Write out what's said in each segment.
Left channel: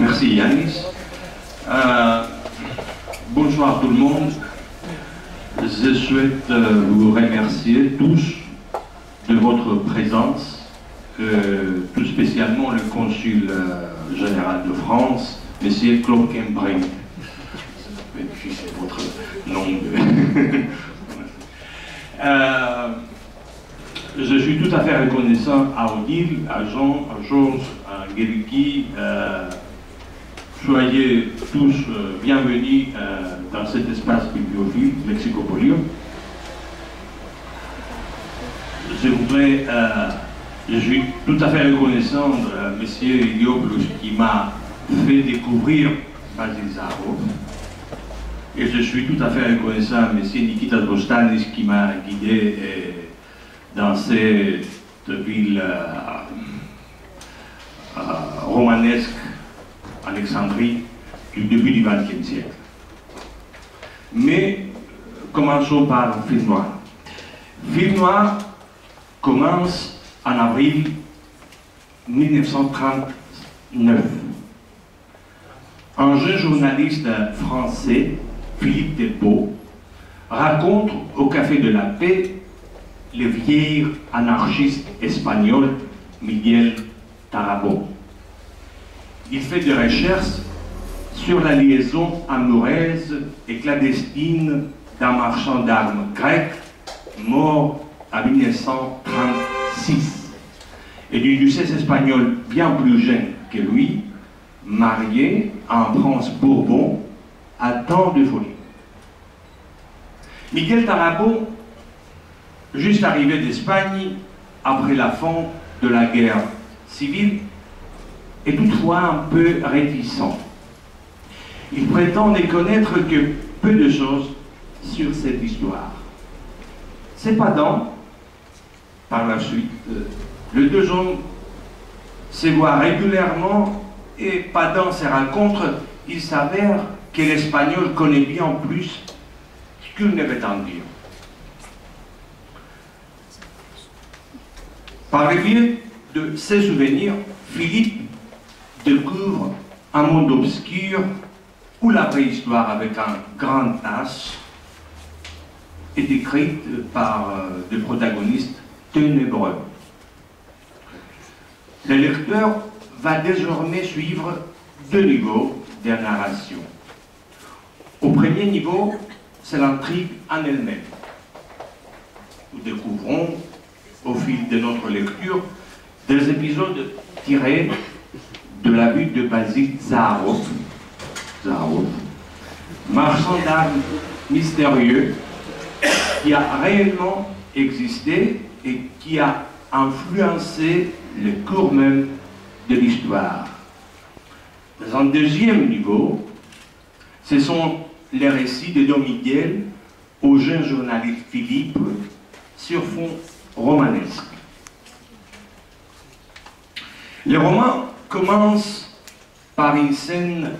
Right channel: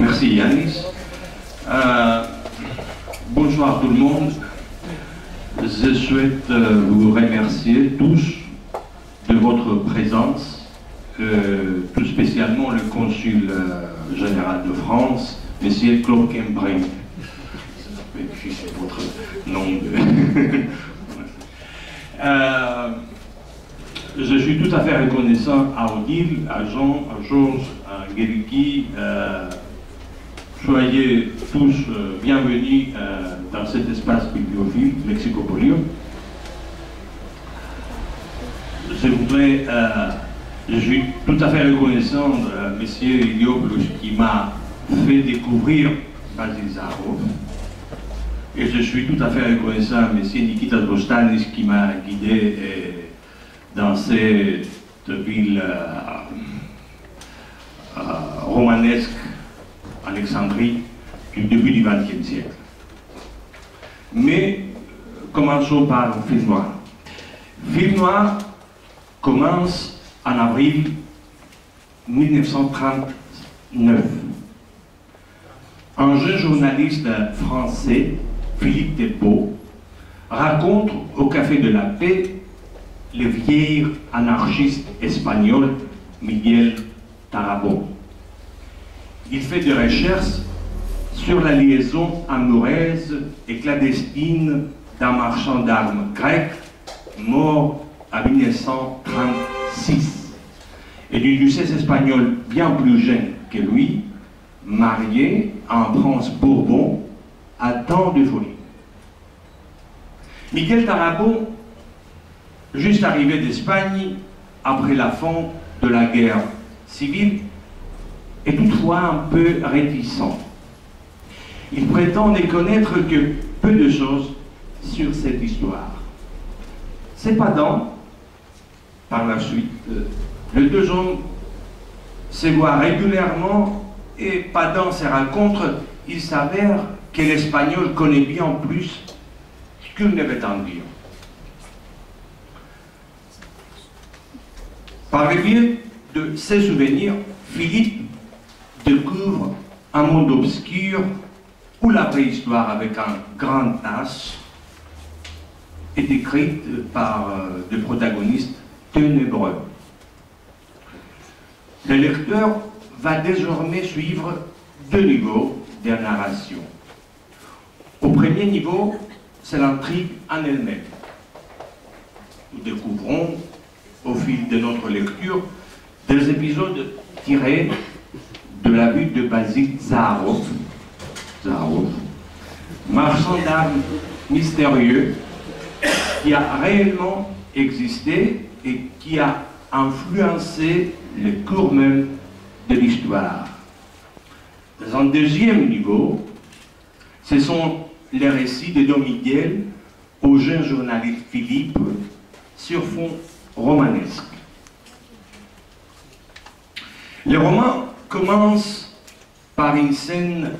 Merci Yanis. Bonsoir tout le monde. Je souhaite vous remercier tous de votre présence, tout spécialement le consul général de France, M. Claude Cambrai. C'est votre nom. Je suis tout à fait reconnaissant à Odile, à Jean, à Georges, à Guériki. Soyez tous bienvenus dans cet espace bibliophile, Lexicopolium. Je suis tout à fait reconnaissant de M. Iliopoulos qui m'a fait découvrir Basil Zaharov. Et je suis tout à fait reconnaissant à M. Nikitas Bostanis qui m'a guidé dans cette ville romanesque, Alexandrie, du début du XXe siècle. Mais commençons par Film Noir. Film Noir commence en avril 1939. Un jeune journaliste français, Philippe Delpeau, raconte au Café de la Paix le vieil anarchiste espagnol Miguel Tarrabó. Il fait des recherches sur la liaison amoureuse et clandestine d'un marchand d'armes grec mort en 1936 et d'une duchesse espagnole bien plus jeune que lui, mariée à un prince Bourbon à temps de folie. Miguel Tarrabó, juste arrivé d'Espagne après la fin de la guerre civile, est toutefois un peu réticent. Il prétend ne connaître que peu de choses sur cette histoire. Cependant, par la suite, les deux hommes se voient régulièrement et pendant ces rencontres, il s'avère que l'Espagnol connaît bien plus qu'il ne veut en dire. Par le biais de ses souvenirs, Philippe découvre un monde obscur où la préhistoire avec un grand H est écrite par des protagonistes ténébreux. Le lecteur va désormais suivre deux niveaux de narration. Au premier niveau, c'est l'intrigue en elle-même. Nous découvrons, au fil de notre lecture, des épisodes tirés de la vie de Basil Zaharov, marchand d'armes mystérieux qui a réellement existé et qui a influencé le cours même de l'histoire. Dans un deuxième niveau, ce sont les récits de Don Miguel au jeune journaliste Philippe sur fond romanesque. Le roman commence par une scène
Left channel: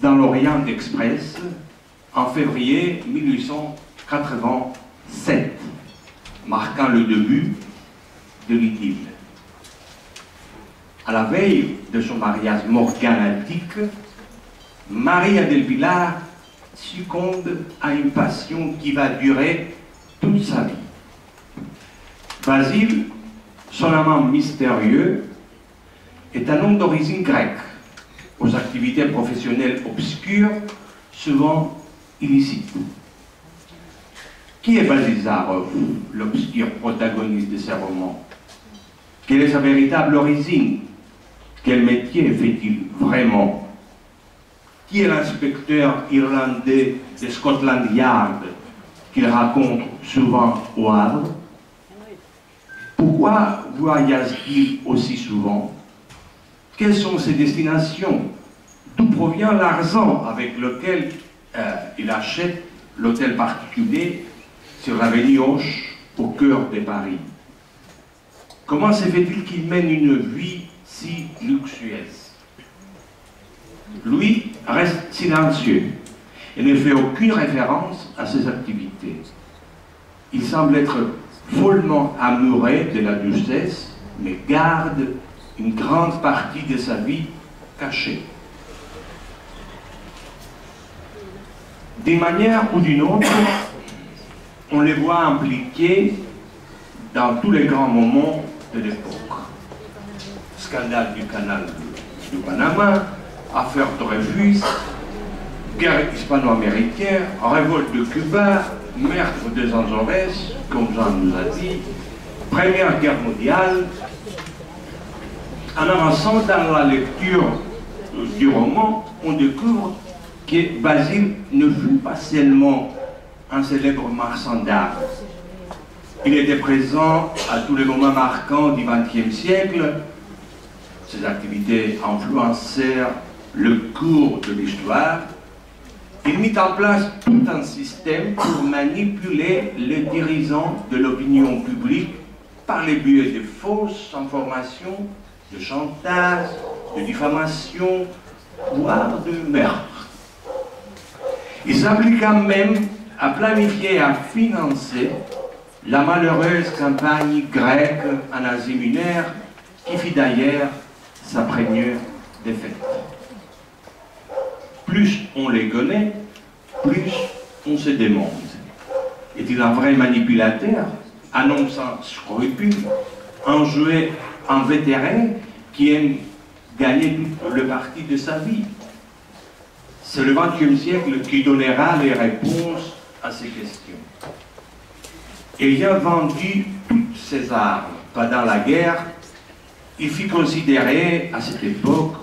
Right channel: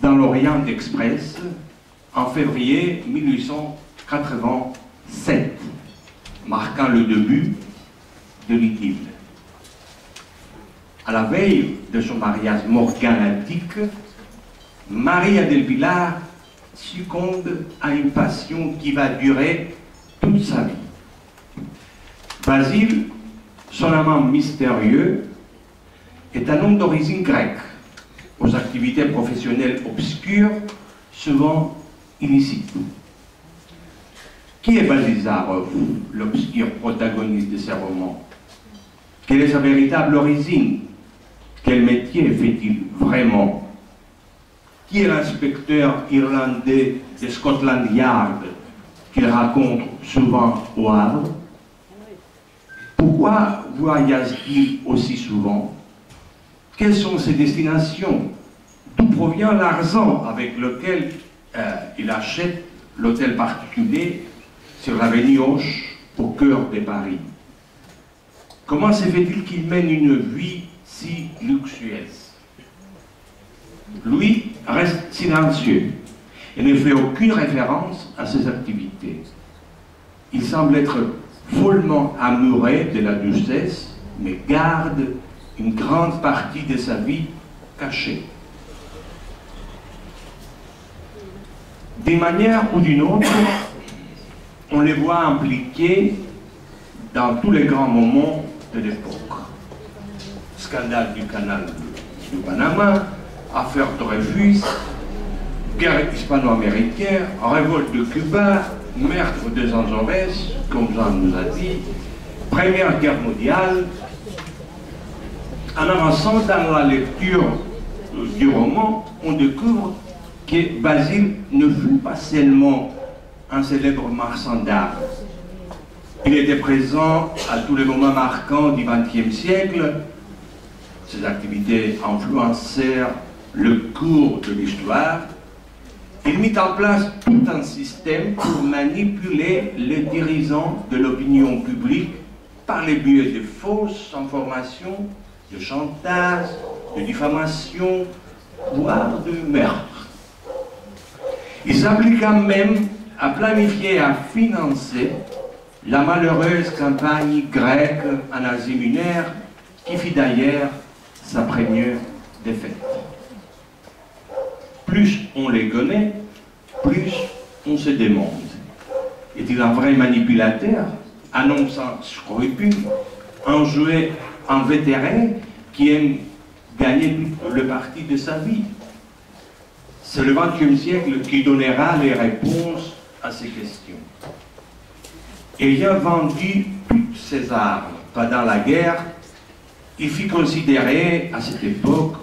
dans l'Orient Express en février 1887, marquant le début de l'idylle. À la veille de son mariage morganatique, Maria del Pilar succombe à une passion qui va durer toute sa vie. Basile, son amant mystérieux, est un homme d'origine grecque, aux activités professionnelles obscures, souvent illicites. Qui est Basil Zaharov, l'obscur protagoniste de ces romans? Quelle est sa véritable origine? Quel métier fait-il vraiment? Qui est l'inspecteur irlandais de Scotland Yard qu'il raconte souvent au Havre? Pourquoi voyage-t-il aussi souvent? Quelles sont ses destinations? D'où provient l'argent avec lequel il achète l'hôtel particulier sur l'avenue Hoche, au cœur de Paris? Comment se fait-il qu'il mène une vie si luxueuse? Lui reste silencieux et ne fait aucune référence à ses activités. Il semble être follement amoureux de la duchesse, mais garde une grande partie de sa vie cachée. D'une manière ou d'une autre, on les voit impliqués dans tous les grands moments de l'époque. Scandale du canal du Panama, affaire Dreyfus, guerre hispano-américaine, révolte de Cuba, meurtre des Azores, comme Jean nous a dit, Première Guerre mondiale. En avançant dans la lecture du roman, on découvre que Basile ne fut pas seulement un célèbre marchand d'art. Il était présent à tous les moments marquants du XXe siècle. Ses activités influencèrent le cours de l'histoire. Il mit en place tout un système pour manipuler les dirigeants de l'opinion publique par les biais de fausses informations, de chantage, de diffamation, voire de meurtre. Il s'appliqua même à planifier et à financer la malheureuse campagne grecque en Asie mineure, qui fit d'ailleurs sa première défaite. Plus on les connaît, plus on se demande. Est-il un vrai manipulateur, un homme sans scrupules, un vétéran qui aime gagner tout le parti de sa vie? C'est le XXe siècle qui donnera les réponses à ces questions. Ayant vendu toutes ses armes pendant la guerre, il fut considéré à cette époque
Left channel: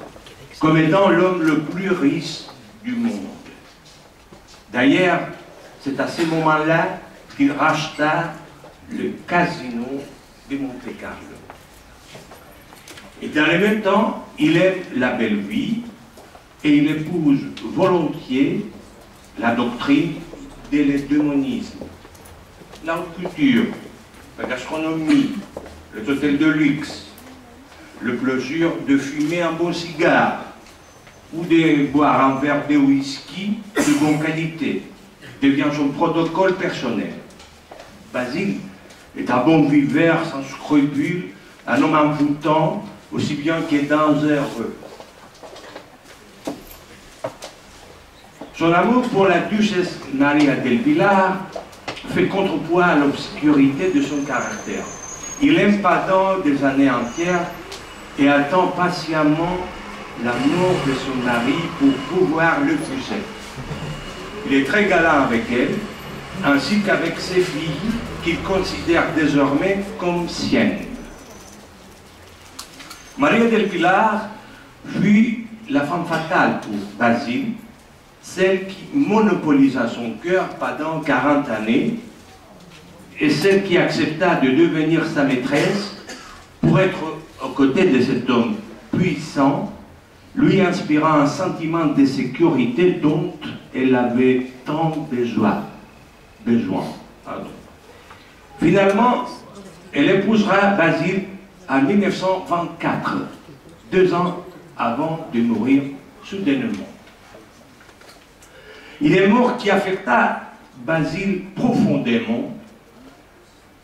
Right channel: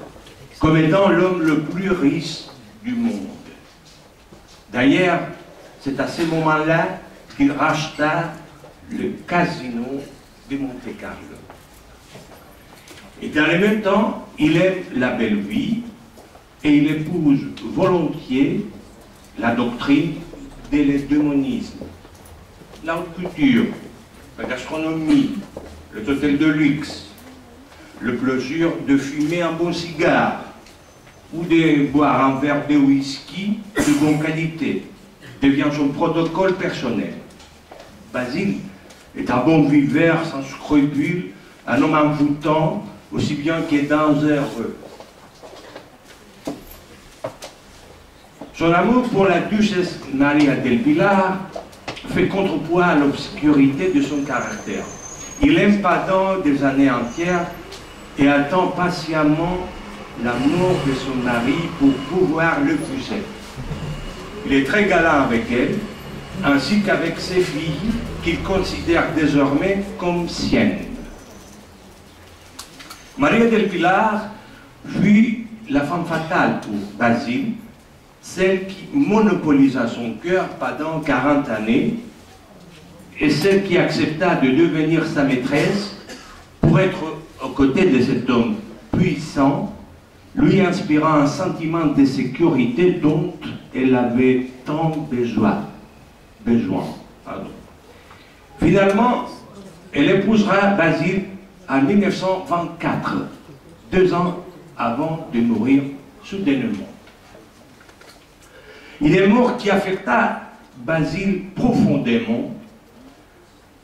comme étant l'homme le plus riche du monde. D'ailleurs, c'est à ce moment-là qu'il racheta le casino de Monte-Carlo. Et dans le même temps, il aime la belle vie et il épouse volontiers la doctrine de l'hédémonisme. La haute culture, la gastronomie, le hôtel de luxe, le plaisir de fumer un bon cigare ou de boire un verre de whisky de bonne qualité devient son protocole personnel. Basile est un bon viveur sans scrupules, un homme envoûtant aussi bien que dangereux. Son amour pour la duchesse Maria del Pilar fait contrepoids à l'obscurité de son caractère. Il aime pendant des années entières et attend patiemment la mort de son mari pour pouvoir l'épouser. Il est très galant avec elle, ainsi qu'avec ses filles, qu'il considère désormais comme siennes. Maria del Pilar fut la femme fatale pour Basile, celle qui monopolisa son cœur pendant 40 années, et celle qui accepta de devenir sa maîtresse pour être aux côtés de cet homme puissant, lui inspirant un sentiment de sécurité dont elle avait tant besoin. Finalement, elle épousera Basile en 1924, 2 ans avant de mourir soudainement. Il est mort qui affecta Basile profondément.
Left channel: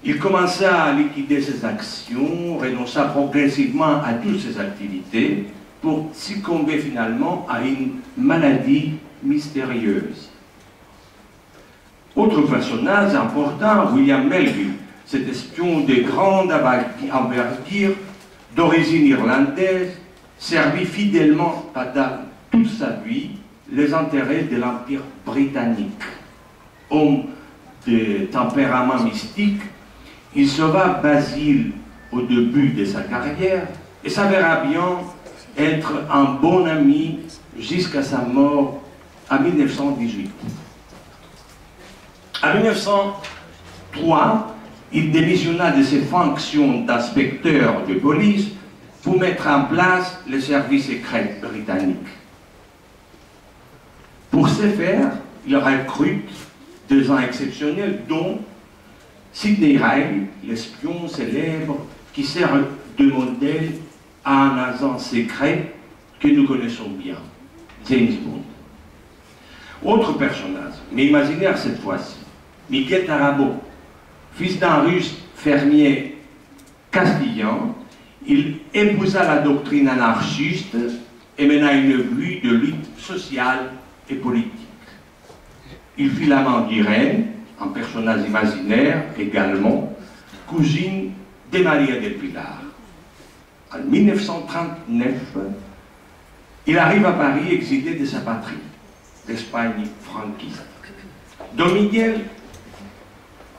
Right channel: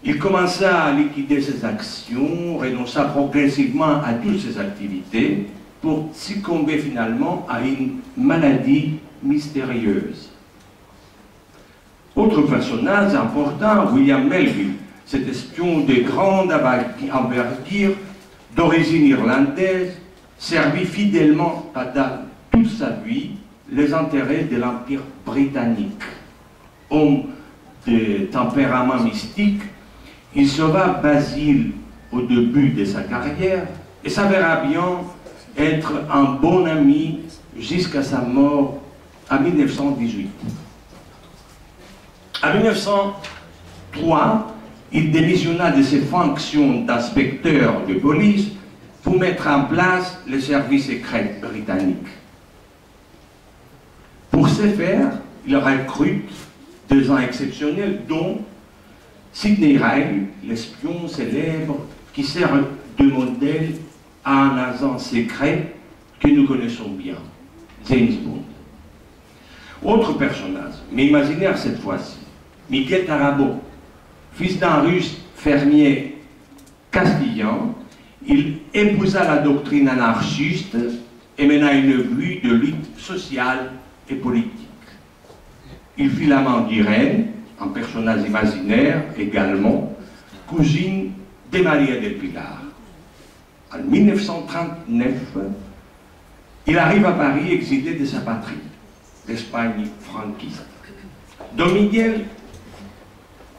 Il commença à liquider ses actions, renonça progressivement à toutes ses activités pour succomber finalement à une maladie mystérieuse. Autre personnage important, William Melville, cet espion de grande envergure, d'origine irlandaise, servit fidèlement pendant toute sa vie les intérêts de l'Empire britannique. Homme de tempérament mystique, il sauva Basile au début de sa carrière et s'avéra bien être un bon ami jusqu'à sa mort en 1918. En 1903, il démissionna de ses fonctions d'inspecteur de police pour mettre en place le service secret britannique. Pour ce faire, il recrute 2 gens exceptionnels, dont Sidney Riley, l'espion célèbre qui sert de modèle à un agent secret que nous connaissons bien, James Bond. Autre personnage, mais imaginaire cette fois-ci, Miguel Tarabo, fils d'un russe fermier castillan, il épousa la doctrine anarchiste et mena une vie de lutte sociale et politique. il fit l'amant d'Irène, un personnage imaginaire également, cousine de Maria del Pilar. En 1939, il arrive à Paris exilé de sa patrie, l'Espagne franquiste. Don Miguel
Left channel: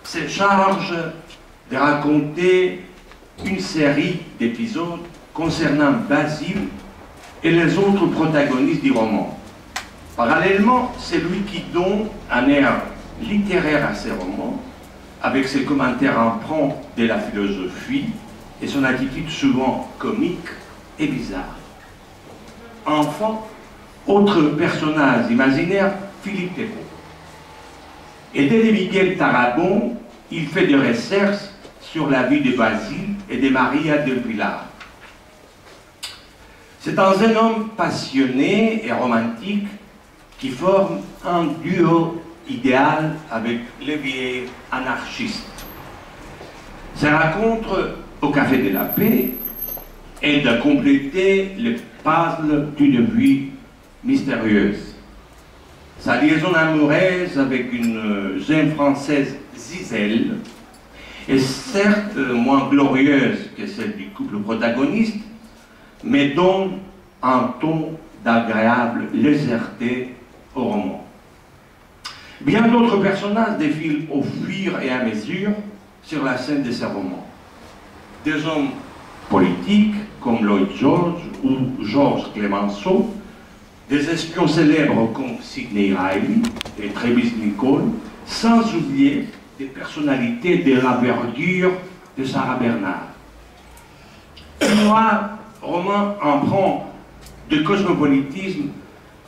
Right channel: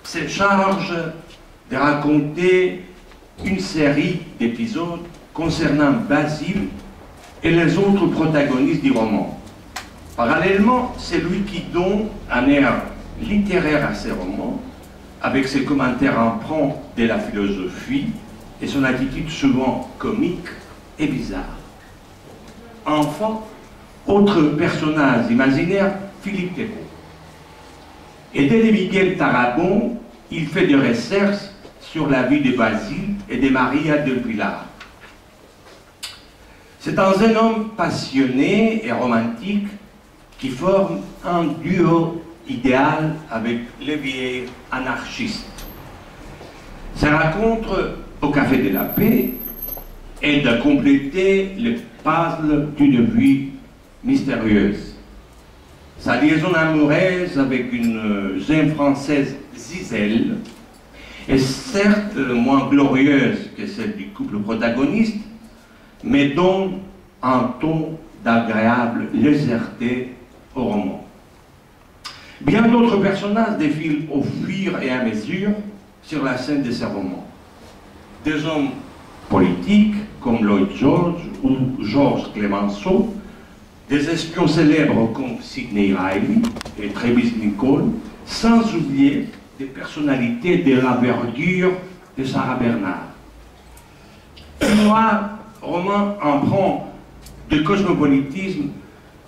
se charge de raconter une série d'épisodes concernant Basile et les autres protagonistes du roman. Parallèlement, c'est lui qui donne un air littéraire à ses romans, avec ses commentaires empreints de la philosophie et son attitude souvent comique et bizarre. Enfin, autre personnage imaginaire, Philippe Thébault. Aidé de Miguel Tarragón, il fait des recherches sur la vie de Basile et de Maria del Pilar. C'est dans un homme passionné et romantique qui forme un duo idéal avec les vieilles anarchistes. Ces rencontres au Café de la Paix aident à compléter le puzzle d'une vie mystérieuse. Sa liaison amoureuse avec une jeune française, Gisèle, est certes moins glorieuse que celle du couple protagoniste, mais donne un ton d'agréable légèreté au roman. Bien d'autres personnages défilent au fur et à mesure sur la scène de ces romans. Des hommes politiques comme Lloyd George ou Georges Clemenceau, des espions célèbres comme Sidney Riley et Travis Nicholl, sans oublier des personnalités de l'envergure de Sarah Bernard. Moi, roman emprunt de cosmopolitisme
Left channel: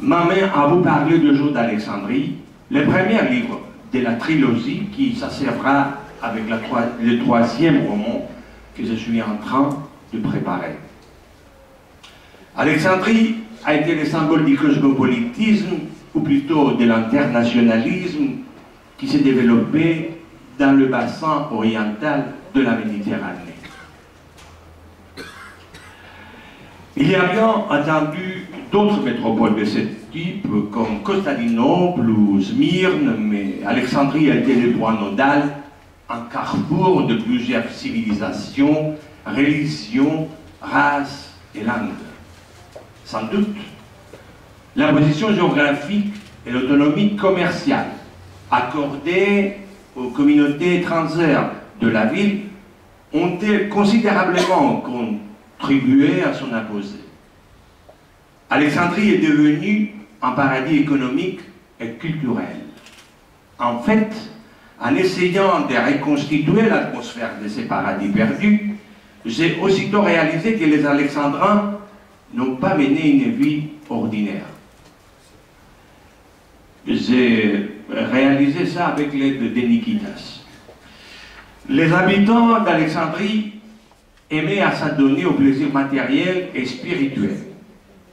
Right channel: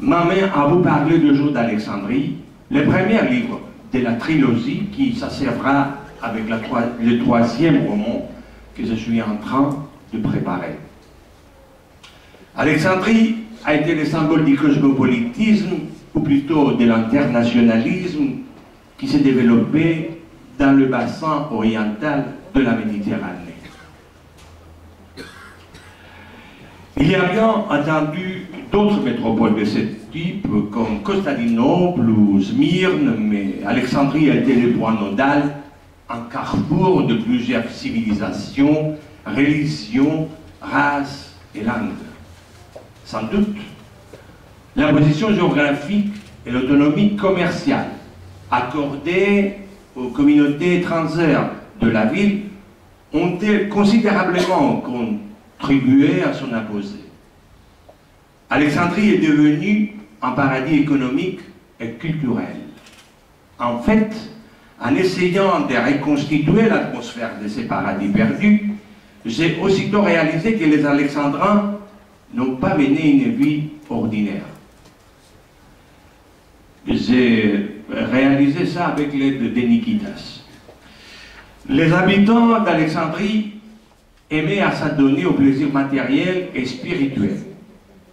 m'amène à vous parler de Jour d'Alexandrie, le premier livre de la trilogie qui s'achèvera avec le troisième roman que je suis en train de préparer. Alexandrie a été le symbole du cosmopolitisme, ou plutôt de l'internationalisme, qui s'est développé dans le bassin oriental de la Méditerranée. Il y a bien entendu d'autres métropoles de ce type, comme Constantinople ou Smyrne, mais Alexandrie a été le point nodal, un carrefour de plusieurs civilisations, religions, races et langues. Sans doute, la position géographique et l'autonomie commerciale accordées aux communautés étrangères de la ville ont-elles considérablement contribué à son apogée. Alexandrie est devenue un paradis économique et culturel. En fait, en essayant de reconstituer l'atmosphère de ces paradis perdus, j'ai aussitôt réalisé que les Alexandrins n'ont pas mené une vie ordinaire. J'ai réalisé ça avec l'aide de Nikitas. Les habitants d'Alexandrie aimaient à s'adonner au plaisir matériel et spirituel.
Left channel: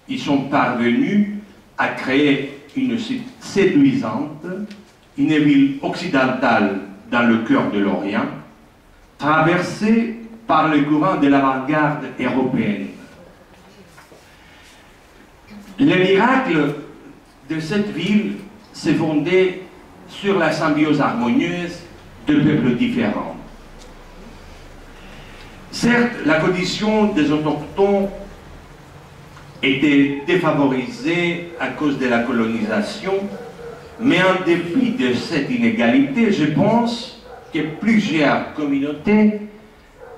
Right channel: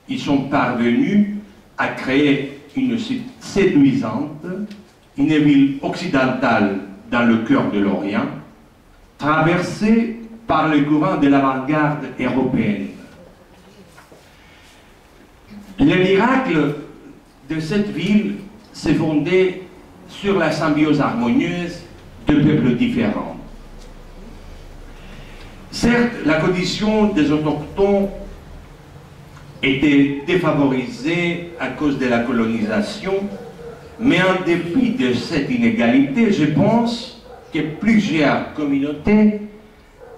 Ils sont parvenus à créer une séduisante, une ville occidentale dans le cœur de l'Orient, traversée par le courant de l'avant-garde européenne. Le miracle de cette ville s'est fondé sur la symbiose harmonieuse de peuples différents. Certes, la condition des autochtones était défavorisée à cause de la colonisation, mais en dépit de cette inégalité, je pense que plusieurs communautés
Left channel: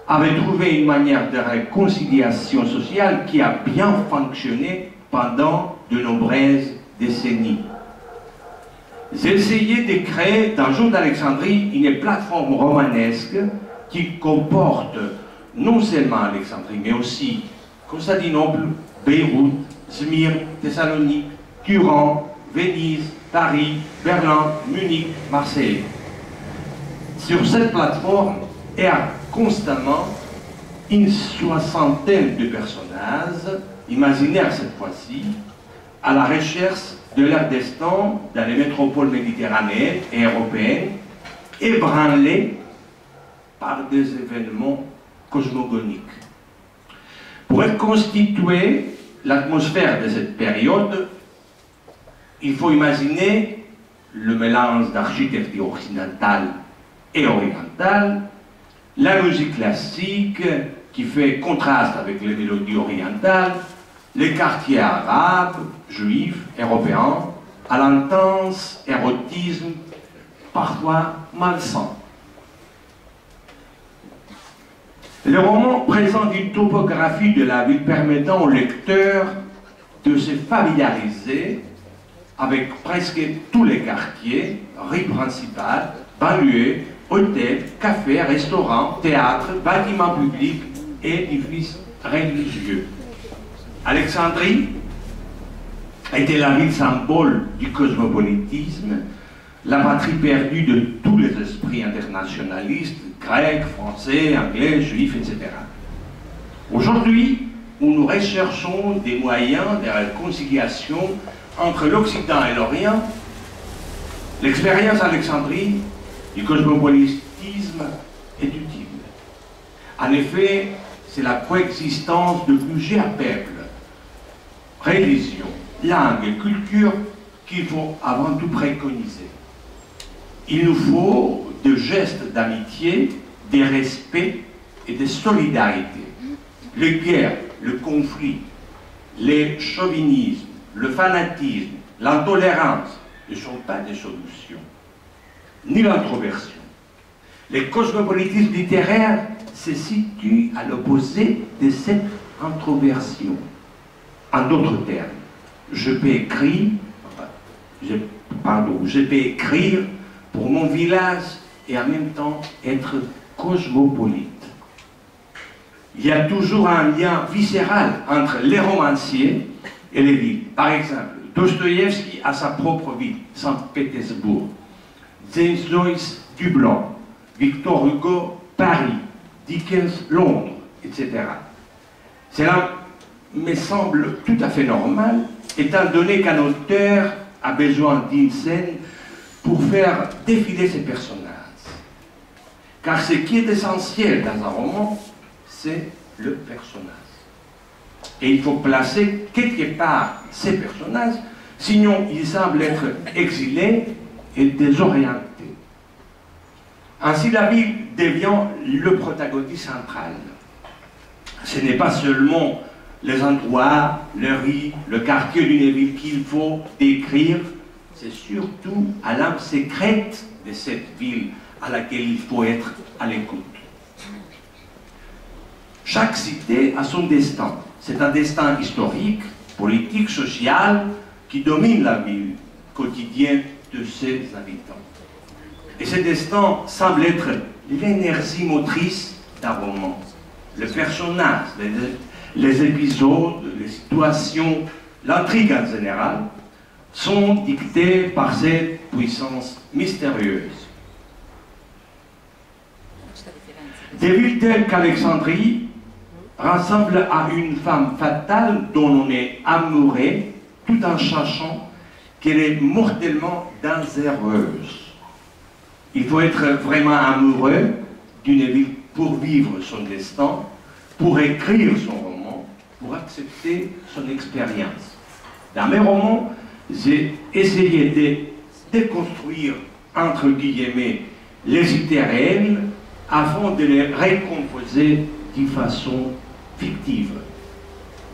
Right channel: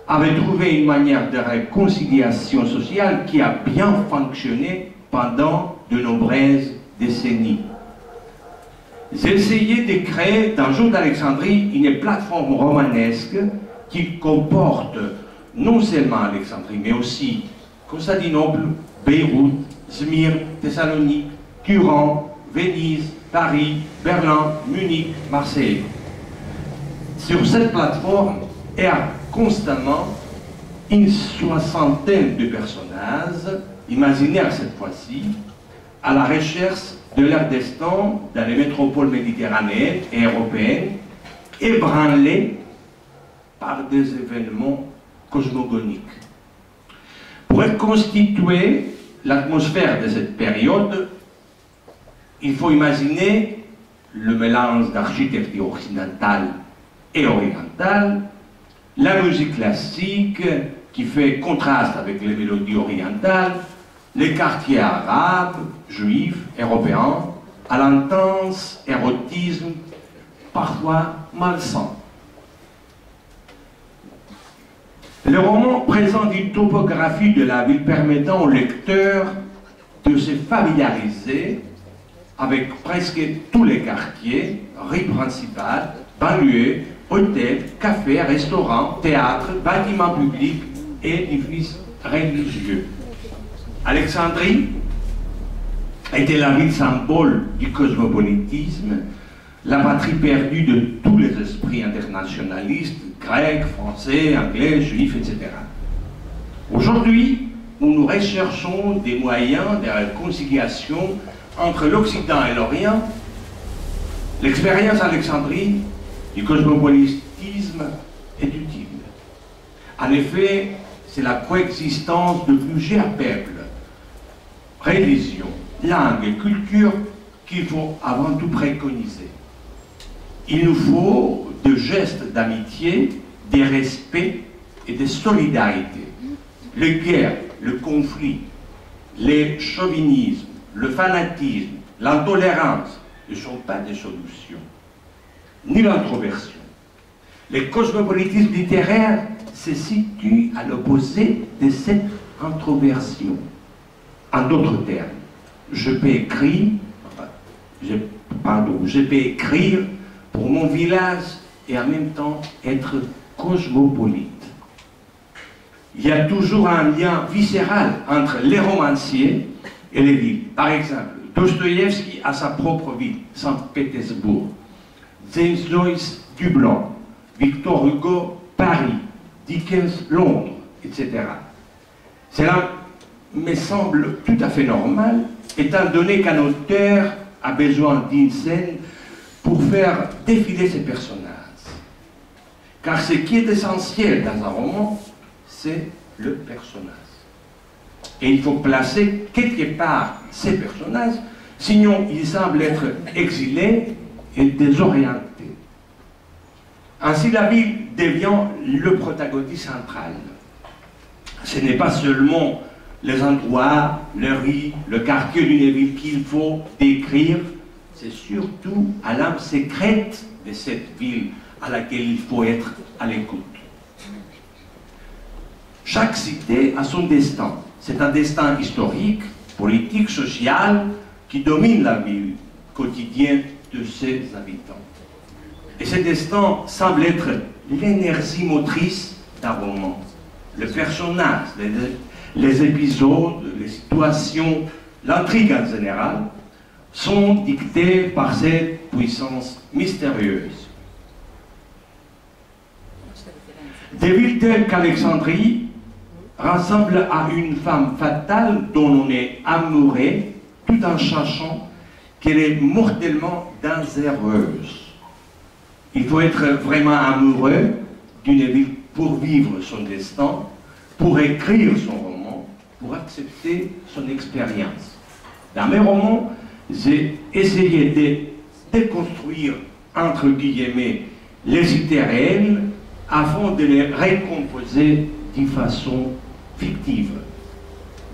avaient trouvé une manière de réconciliation sociale qui a bien fonctionné pendant de nombreuses décennies. J'ai essayé de créer dans Jour d'Alexandrie une plateforme romanesque qui comporte non seulement Alexandrie, mais aussi Constantinople, Beyrouth, Smyrne, Thessalonique, Turin, Venise, Paris, Berlin, Munich, Marseille. Sur cette plateforme errent constamment une soixantaine de personnages, imaginaires cette fois-ci, à la recherche de leur destin dans les métropoles méditerranéennes et européennes, ébranlées par des événements cosmogoniques. Pour reconstituer l'atmosphère de cette période, il faut imaginer le mélange d'architecture occidentale et orientale, la musique classique qui fait contraste avec les mélodies orientales, les quartiers arabes, juifs, européens, à l'intense érotisme parfois malsain. Le roman présente une topographie de la ville permettant au lecteur de se familiariser avec presque tous les quartiers, rues principales, banlieues, hôtels, cafés, restaurants, théâtres, bâtiments publics et édifices religieux. Alexandrie était la ville symbole du cosmopolitisme, la patrie perdue de tous les esprits internationalistes, grecs, français, anglais, juifs, etc. Aujourd'hui, où nous recherchons des moyens de réconciliation entre l'Occident et l'Orient, l'expérience d'Alexandrie du cosmopolitisme est utile. En effet, c'est la coexistence de plusieurs peuples, religions, langues et cultures qu'il faut avant tout préconiser. Il nous faut des gestes d'amitié, de respect et de solidarité. Les guerres, le conflit, le chauvinisme, le fanatisme, l'intolérance ne sont pas des solutions, ni l'introversion. Le cosmopolitisme littéraire se situe à l'opposé de cette introversion. En d'autres termes, je peux écrire pour mon village et en même temps être cosmopolite. Il y a toujours un lien viscéral entre les romanciers et les villes. Par exemple, Dostoïevski a sa propre ville, Saint-Pétersbourg. James Joyce, Dublin. Victor Hugo, Paris. Dickens, Londres, etc. Cela me semble tout à fait normal, étant donné qu'un auteur a besoin d'une scène pour faire défiler ses personnages. Car ce qui est essentiel dans un roman, c'est le personnage. Et il faut placer quelque part ces personnages, sinon ils semblent être exilés et désorientés. Ainsi, la ville devient le protagoniste central. Ce n'est pas seulement les endroits, les rues, le quartier d'une ville qu'il faut décrire, c'est surtout à l'âme secrète de cette ville à laquelle il faut être à l'écoute. Chaque cité a son destin. C'est un destin historique, politique, social, qui domine la vie quotidienne de ses habitants. Et ce destin semble être l'énergie motrice d'un roman. Le personnage, les épisodes, les situations, l'intrigue en général, sont dictés par cette puissance mystérieuse. Des villes telles qu'Alexandrie ressemblent à une femme fatale dont on est amoureux tout en sachant qu'elle est mortellement dangereuse. Il faut être vraiment amoureux d'une ville pour vivre son destin, pour écrire son roman, pour accepter son expérience. Dans mes romans, j'ai essayé de déconstruire, entre guillemets, les idées réelles afin de les recomposer d'une façon fictive.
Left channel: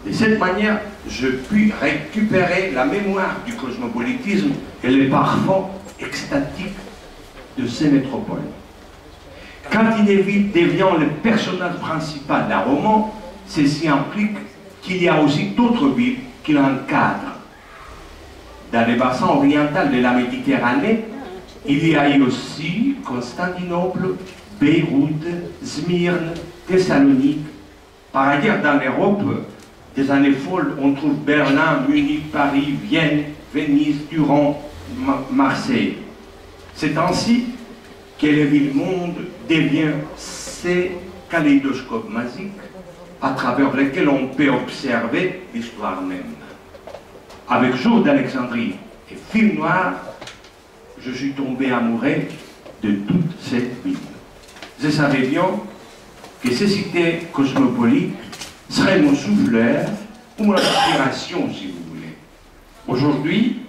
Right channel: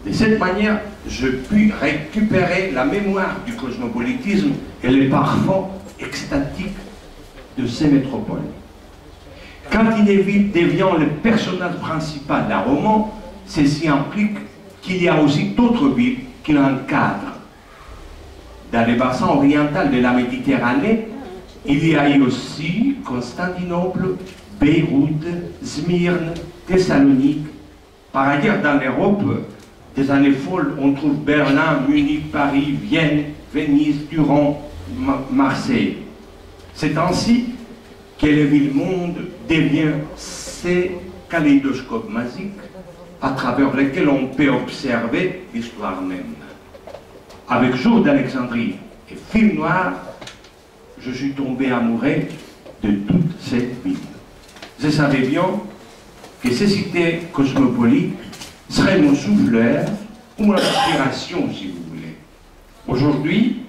De cette manière, je puis récupérer la mémoire du cosmopolitisme et les parfums extatiques de ces métropoles. Quand une ville devient le personnage principal d'un roman, ceci implique qu'il y a aussi d'autres villes qui l'encadrent. Dans le bassin oriental de la Méditerranée, il y a eu aussi Constantinople, Beyrouth, Smyrne, Thessalonique. Par ailleurs, dans l'Europe, des années folles, on trouve Berlin, Munich, Paris, Vienne, Venise, Turin, Marseille. C'est ainsi que le ville-monde devient ces kaléidoscopes magiques à travers lesquels on peut observer l'histoire même. Avec Jour d'Alexandrie et Film Noir, je suis tombé amoureux de toute cette ville. Je savais bien que ces cités cosmopolites seraient mon souffleur ou mon inspiration, si vous voulez. Aujourd'hui,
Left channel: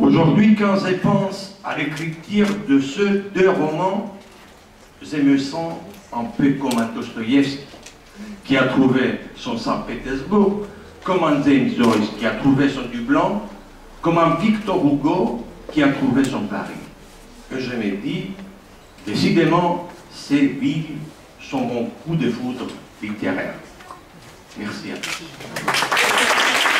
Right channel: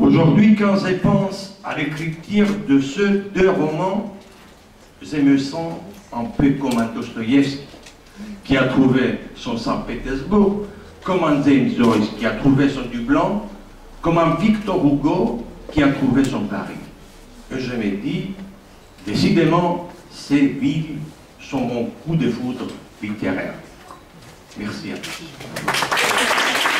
Aujourd'hui, quand je pense à l'écriture de ces deux romans, je me sens un peu comme un Dostoïevski qui a trouvé son Saint-Pétersbourg, comme un James Joyce qui a trouvé son Dublin, comme un Victor Hugo qui a trouvé son Paris. Et je me dis, décidément, ces villes sont mon coup de foudre littéraire. Merci à tous.